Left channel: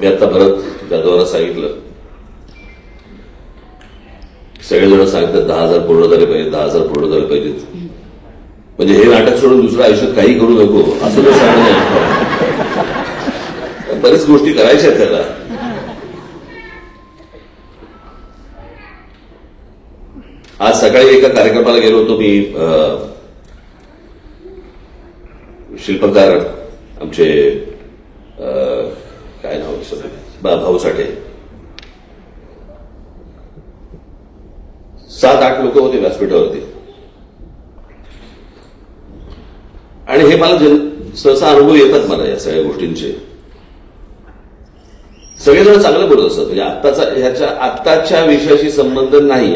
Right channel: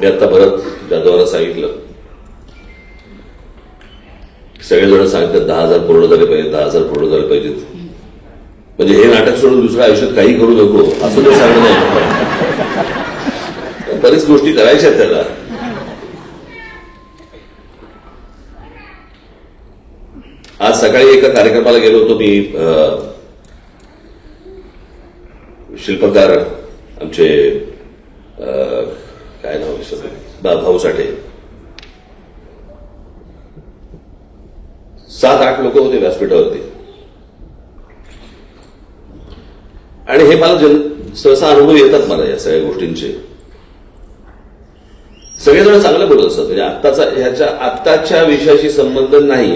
मी आता भरत जाधवाला सांगितलं, सगळेजण सांगतात 10,000 पूर्ण झाले पाहिजे, 10,000 पूर्ण झाले पाहिजेत. म्हणजे हे नाटक सोडून दुसरं आयुष्यात काही करू नको असं तो सांगणं नाही. बरीच गोष्टी करायच्या आहेत त्याला. आज सकाळी एका कार्यक्रमाला गेलो होतो मी. शिल्पकार आमचे काय नाव भाऊ साठे, 7-8 लोक होते व्यासपीठावरती. आणि हे मला सहसा अनुभव येतात मला या सगळ्या गोष्टींचे. सगळेजण चांगलं बोलत असतात. म्हणजे ह्याच्या आत्ताच्या विषयाशी संबंध नाही.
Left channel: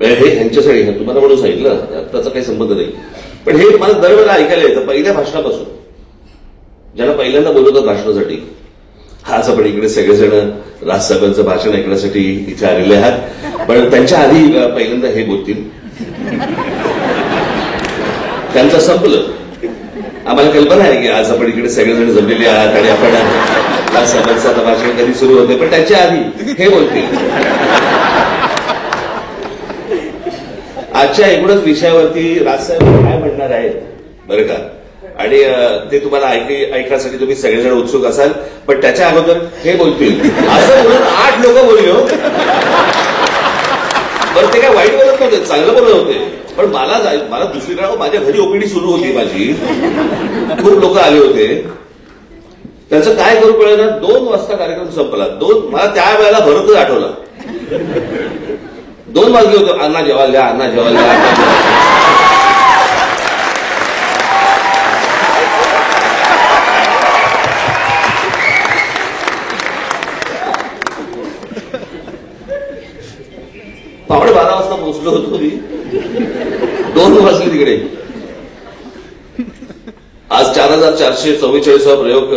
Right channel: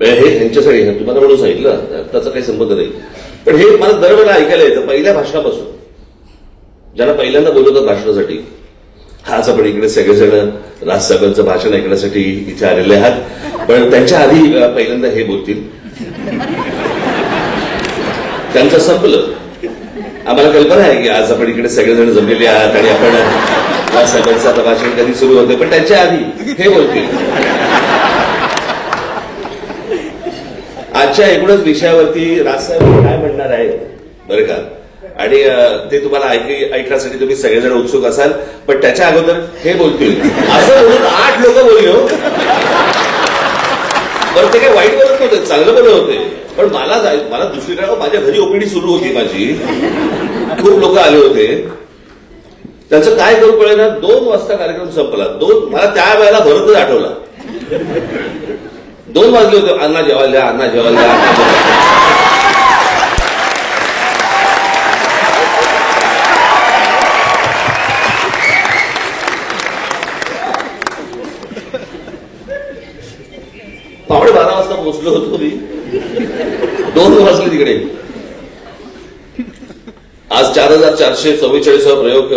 हे ह्यांच्यासाठी तुम्हाला म्हणून सांगितलं, आत्ताचा काही संबंध नाही. पण हे मला दरवेळेला ऐकायला येतं पहिल्या भाषणापासून. ज्याला पहिल्यांदा बोलवतात भाषणासाठी, आज आपण इकडे सगळेजण राजसाहेबांचं भाषण ऐकण्यासाठी इथे आलेले आहात, पण त्यांच्या आधी पहिल्यांदा हे बोलतील. त्यांचं संपलं. आम्हाला कल्पना आहे की आज आपण इकडे सगळेजण जमलेले आहात आणि आपण राजसाहेबांचं आता भाषण कधी सुरू होते, पण त्यांच्या आधी हे बोलतील. आजच्या एकूणच विषयावरती राजसाहेब काय म्हणणार आहेत बरं का, आणि ते तुम्हाला ऐकण्यासाठी तुम्ही सगळेजण उत्सुक असाल. पण त्याच्या अगोदर हे बोलतील असं म्हणून 8 लोक बोलले. बरं ते काय वाईट बोलत नव्हते, चांगलं बोलत होते. पण मला दुसरीकडे माझ्या घरी ओपीडी सुरू होती माझी, खूप लोक आले होते. त्यांचं काय करू कळेना. 2 वाजता कार्यक्रम संपला. मला त्यावेळेला भरतच आठवला. 2 वाजले होते. अण्णा जेवायला द्या, अण्णा जेवायला द्या. पावणे 12 वाजता पोहोचलो होतो मी. 2 वाजले तिकडे. आज 4,444 प्रयोग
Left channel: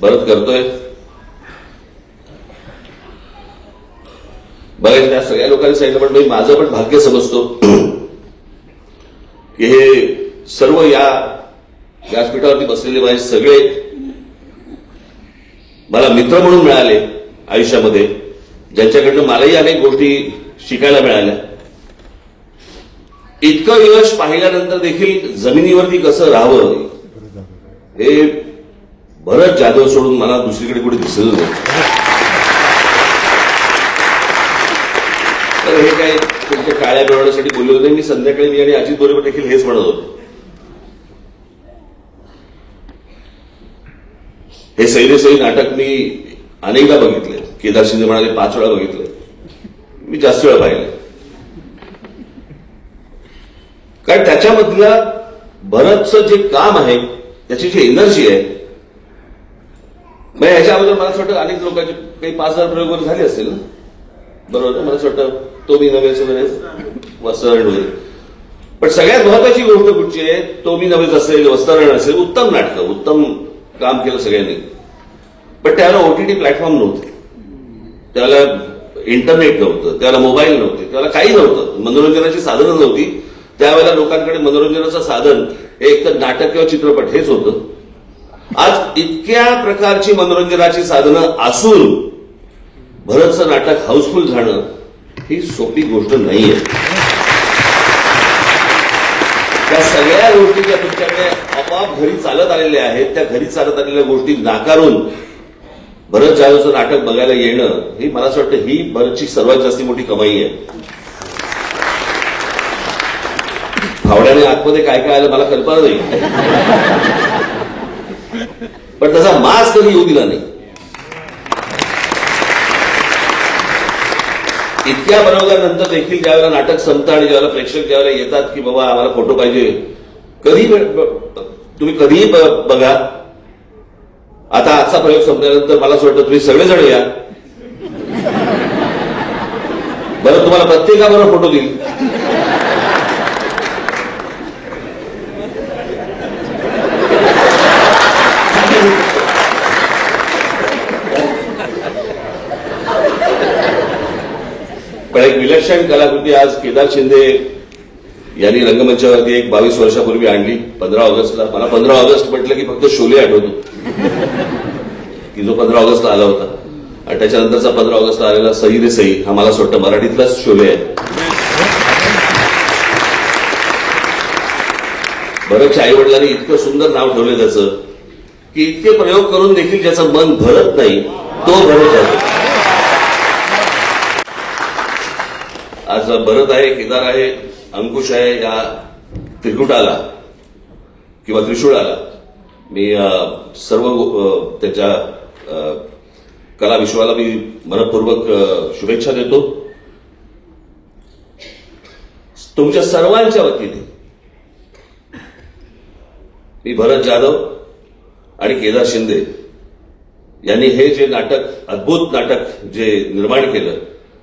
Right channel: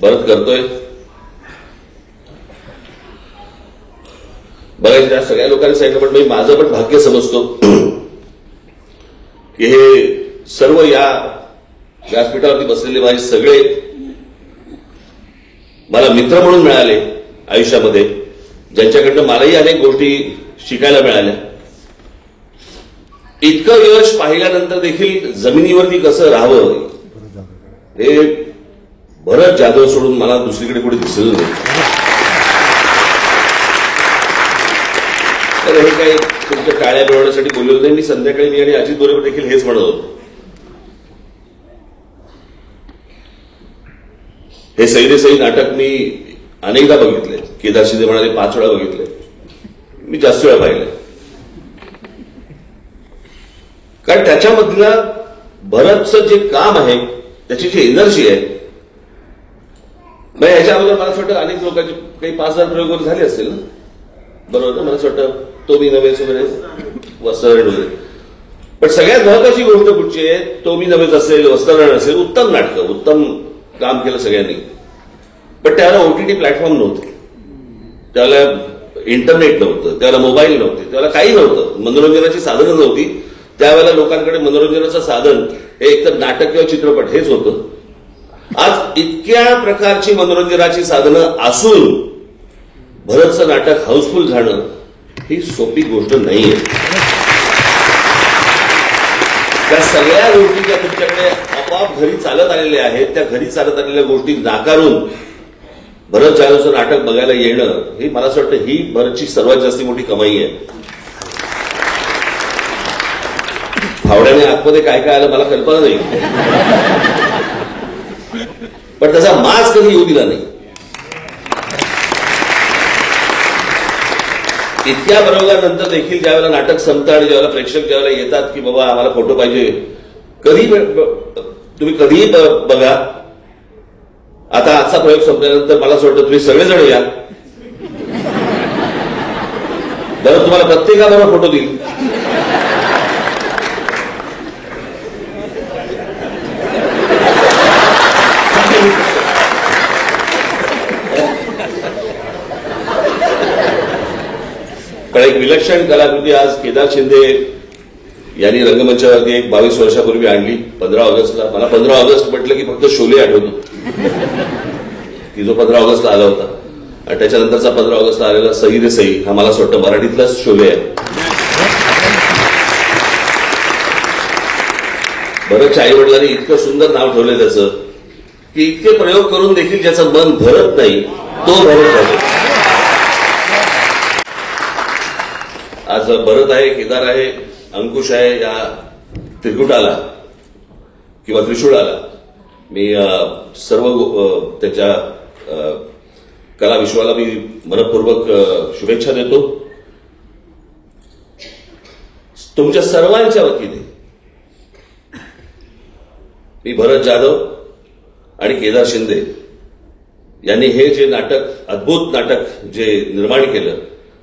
भरत करतोय. बऱ्याचदा सगळ्या लोकांनी सांगितलं, पण मी माझं पण भाग्य समजतो की हे सर्व या व्यासपीठावरती बसलेले माझे सगळे मला मित्र म्हणून मिळाले आयुष्यामध्ये, ज्यांच्याकडनं मलाही अनेक गोष्टी शिकायला मिळाल्या. इतकं यश पाहिल्यानंतर देखील जमिनीवरती कसं राहावं हे भरत जाधव सोडून मला दुसरीकडे कुठे दिसलं नाही. तर हे काय तुमच्या टाळ्या मिळवण्यासाठी बोललो नाही. मी संध्याकाळी मी आणि अजित बरोबर देखील हेच म्हणत होतो. हे सैन्यसैनिक नाटक मी अनेकदा बघितले. केदार शिंदे म्हणाले 5 वेळा बघितले. मी जास्त वेळा पाहिले. कारण त्याच्यामधलं भरतचं जे काम आहे, त्याची जी एनर्जी आहे, म्हणजे ह्याच्या अगोदर मला असं वाटतं अनेक लोकांचे काही 5,000 प्रयोग झाले असतील ना, बरोबर. मला असं वाटतं तो मी नव्हेच वस्त्रहरण वगैरे. पण सगळ्यात महत्वाची गोष्ट कुठची आहे, तो मी नव्हेच असेल, वस्त्रहरण असेल, उत्तम नाटकं, उत्तम काम केलं सगळ्यांनी. पण त्याला ओटीटी प्लॅटफॉर्म नव्हते, त्याला इंटरनेट नव्हतं, त्याला मोबाईल नव्हते, त्याला काही नव्हतं, मनोरंजनाची साधनं नव्हती. त्यावेळेला लोकांकडे मनोरंजनाचं साधन हे एकतर नाटक किंवा चित्रपट हेच होतं. आज इतक्या प्रकारची मनोरंजनाची साधनं असून भरतचं नाटक हाऊसफुल झालं ही सोपी गोष्ट नाहीये. त्या सगळ्या गोष्टी ज्या तुमच्याकडे आपोआप घरी चालत आलेल्या आहेत, त्या घरी चालत आलेल्या गोष्टी नाकारून भरत जाधवचं नाटक बघायला येणं ही मला असं वाटतं ही भरतची सर्वात जास्त मोठी कमाई आहे. फावड्याने आतमध्ये काय काय आलं मला कल्पना नाही, पण त्याचा माज कधी येऊ दिला नाही. इतक्या बनवल्यानंतर देखील ज्यावेळेला नाटक संपतं आणि ज्यावेळेला प्रेक्षक ज्यावेळेला येतात की बाबा आम्हाला फोटो पाहिजे, तुम्ही कधीही बघा. आता आजचा प्रयोग संपल्यानंतर मला असं वाटतं तुम्ही सर्वजण या. बरं तुम्हाला प्रत्येकाबरोबर फोटो देईल. पण एक विलक्षण कलाकृती आज केदार शिंदे यांनी रंगमंचावरती एक 22 वर्षापूर्वी आणली 15 ऑगस्टला. मला 15 ऑगस्ट म्हटलं की फक्त शोले आठवतो की जो 15 ऑगस्टला आला होता. आणि त्याच्यानंतरचा 15 ऑगस्टला आलेला सही रे सही हा मला असं वाटतं मराठीतलाच शोले आहे. भरतच्या आई वडिलांनी इतकं सुंदर नाव ठेवलं त्याचं की इतके प्रयोग करून देखील ज्याचं मन भरत नाही तो भरत आहे. आज भरत आहे, केदार आहे, अंकुश आहे. या त्रिकुटाला किंवा त्रिशूळाला मी सर्व त्याच्या कला विश्वाला मी मनपूर्वक शुभेच्छा देतो. तुमच्या सर्वांच्या वतीने मी भरत जाधव आणि केदार शिंदे यांनी हे जे नाटक, अद्भुत नाटक जे निर्माण केलं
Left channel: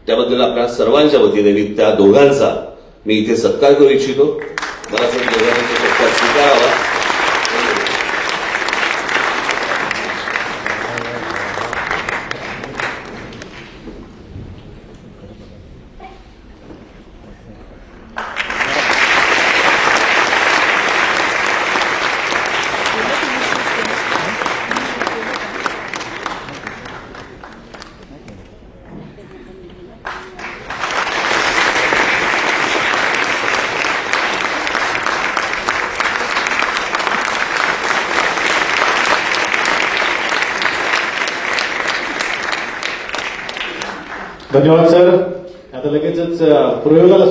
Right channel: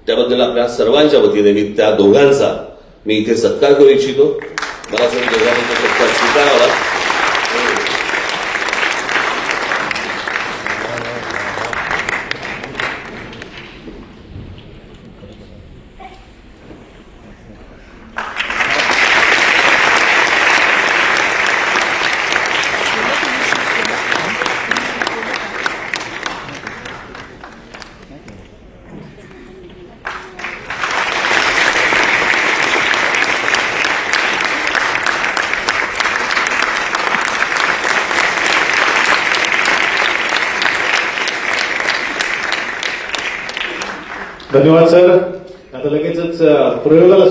त्याबद्दल आपल्या सर्वांच्या वतीने मी त्या दोघांचा मी इथे सत्कार करू इच्छितो. मला असं दोघांचा सत्कार स्वीकारावा. धन्यवाद सर. आता लगेचच प्रयोगाला